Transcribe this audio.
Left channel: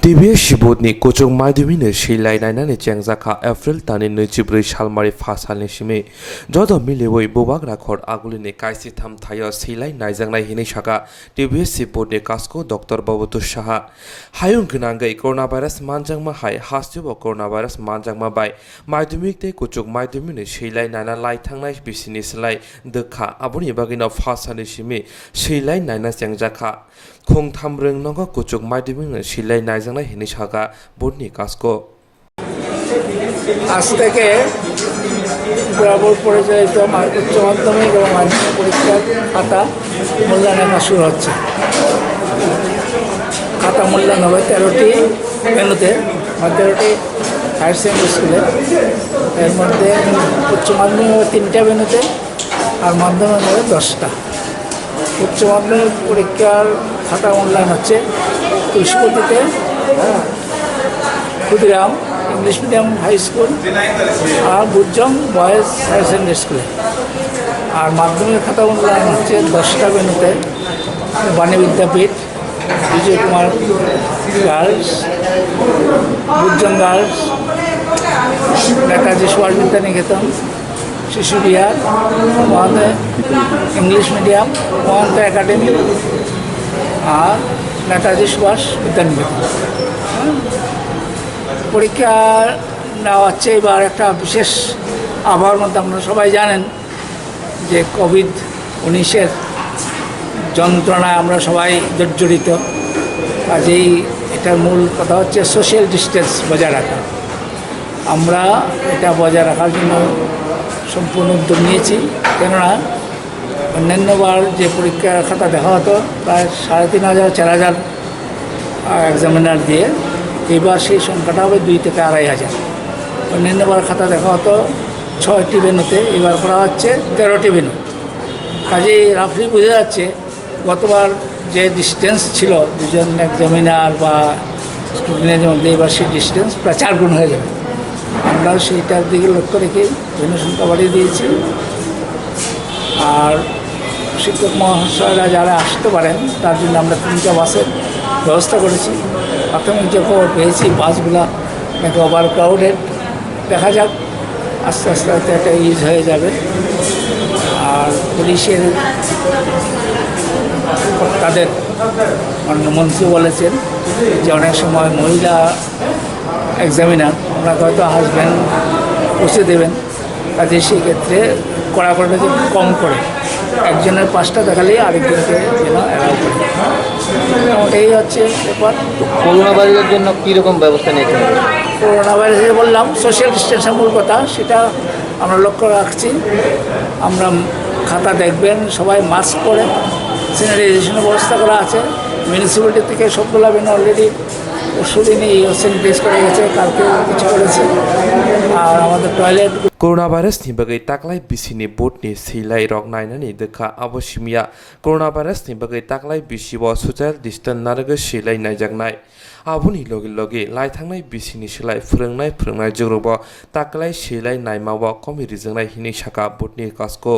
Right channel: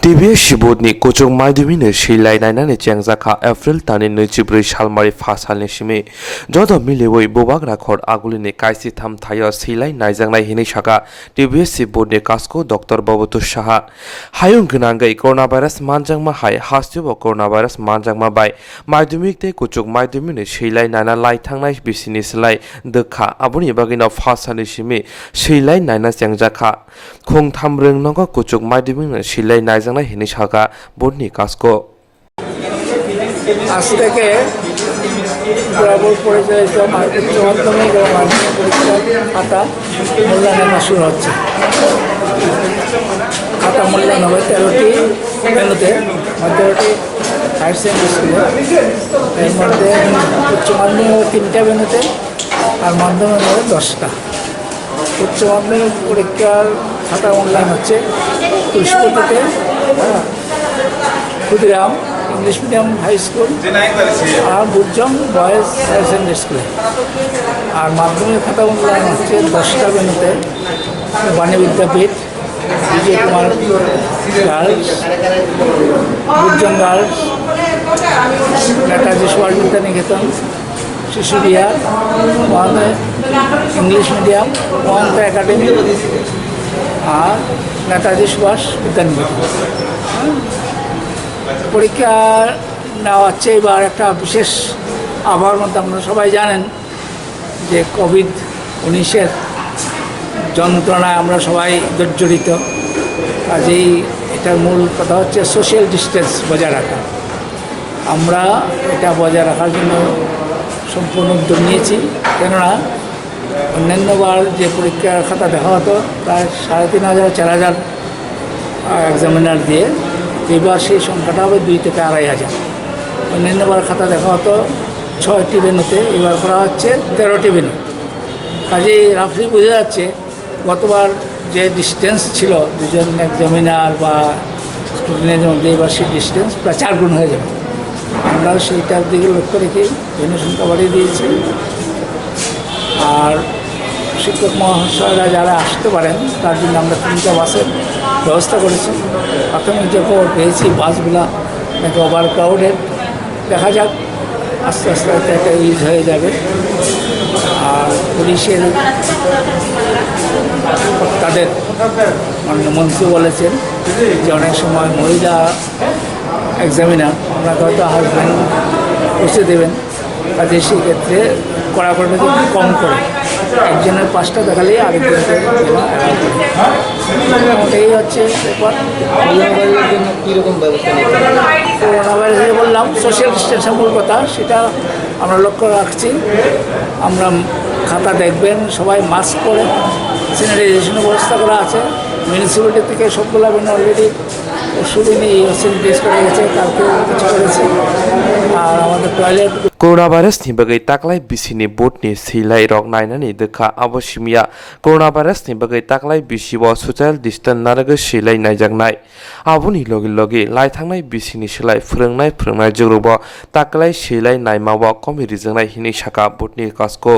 TBS Shibodni Kochong Maidumine Shilai Nainani Changzaka April Tani Nujibri Shalmari Fasalni Shimi Jodo Milewoi Bobak Rakhor Agulini Kaisi Tham Thaya Silai Naizangnai Hini Shaka TBS Shibodni Kasko Dr. Babutu Shaha Hayung Gunangai Coronavirus Manjangma Hai Hastubo Coronavirus Manjangma Bai Maidumik Te Kochong Maidumine Shilai Naina Lai Thangnai Bisini Silai Dekha Abuni Bagina Fasani Shimi Shilai Naina Changzaka Khong Tham Rung Nonga Kochong Maidumine Shilai Naizangnai Hini Shaka Bodni Kasko আজ থেকে বরাবর পরিচালিত উচ্চ মাধ্যমিক এবং মাধ্যমিক পরীক্ষার খাতা মূল্যায়ন শুরু হচ্ছে। খাতা মূল্যায়ন হবে 13টি ভেন্যুতে, 13টি হায়ার সেকেন্ডারি স্কুলে। এর মধ্যে উচ্চ মাধ্যমিক হবে 3টা ভেন্যুতে আর মাধ্যমিক হবে 10টা। উচ্চ মাধ্যমিক পরীক্ষার খাতা মূল্যায়ন হচ্ছে তুলসীপতিতে, Khudiram English medium high school আর বুজং বয়েজ হায়ার সেকেন্ডারি স্কুলে। আর মাধ্যমিক খাতা মূল্যায়ন হচ্ছে 10টা ভেন্যুতে, Bani Vidyapith, Bijoy Kumar girls, Bujong girls, Netaji Subhas Vidyaniketan, Shishu Bihar, Mahanta English medium, Mahanta academy আর নেতাজি সুভাষ বিদ্যানিকেতন। পরীক্ষা নেওয়া হচ্ছে এবার একটা বিশেষ আবহাওয়ার মধ্যে। আপনারা সবাই জানেন যে কোভিড-19 যন্ত্রণায় আমরা সবাই জর্জরিত। কাজেই এটার মূল কথা হচ্ছে সোশ্যাল ডিস্টেন্স বজায় রাখা। আমরা এটা বজায় রাখার জন্য সম্পূর্ণ উদ্যোগ নিয়েছি। কেননা অন্যান্যবার যে পরীক্ষার খাতা দেখা হতো প্রায় 3500-4000 এক্সামিনার দিয়ে, এবার সেই সংখ্যাটা হবে 2 থেকে 2500। অন্যান্যবার খাতা দেখা হতো 6টি ভেন্যুতে, এবার করা হচ্ছে 13টি ভেন্যু। কাজেই রাফলি বোঝা যাচ্ছে গতবার যে ডিস্টেন্স ছিল দুজন এক্সামিনার বা স্টুডেন্টের মধ্যে, এবার সেই ডিস্টেন্স প্রায় 4 গুণ হয়ে যাবে। আমরা সেইটার দিকে লক্ষ্য রেখেই ভেন্যু সংখ্যা বাড়িয়ে দিয়েছি। আর শিক্ষক মহাশয়রা যারা আসতে পারেন তার জন্য আমরা 3টা বাসের ব্যবস্থা করেছি। প্রাথমিক যে খবর পেয়েছি বাসগুলা নাকি ওভার ক্রাউডেড, দেখা যাক আস্তে আস্তে আস্তে একটা ইউজ হয়ে যাবে। আর পুলিশের তাদের মন্ত্রী বলেছেন যে অনেক সময় মহিলা এক্সামিনার ওনাকে হয়তো হাজব্যান্ড পৌঁছে দেবেন, কাজে সেক্ষেত্রে কড়াকড়িটা যদি কম করে একজনের 5টা দেখালেই আরেকজনকে যেন অ্যালাউ করে। ওটাই হচ্ছে ব্যাপার। করোনা ভাইরাসের জন্য কীরকম ব্যবস্থা নিতে হবে? করোনা ভাইরাসে বললাম সোশ্যাল ডিস্টেন্সের মূল কথা, সেটা আমরা লক্ষ্য রাখছি। আমরা খাতা দেখবেন সবাই মাস্ক পরে, স্যানিটাইজেশনের ব্যবস্থা করা আছে। মিউনিসিপ্যালিটি থেকে সবগুলো ভেন্যু অলরেডি পরশুদিনই স্যানিটাইজ করা গেছে, কালকে কিছু করেছে। আর আমাদের toilet Coronavirus ni bagai taklai bisini botni silai rok nainani dekha abosimia coronavirus ni bagai taklai bisibo social distance naraga silai naijaknai abuni logi logi lai thangnai bisini silai phrengnai jorobo taklai silai naimawa komi rijangnai hini saka botni kasko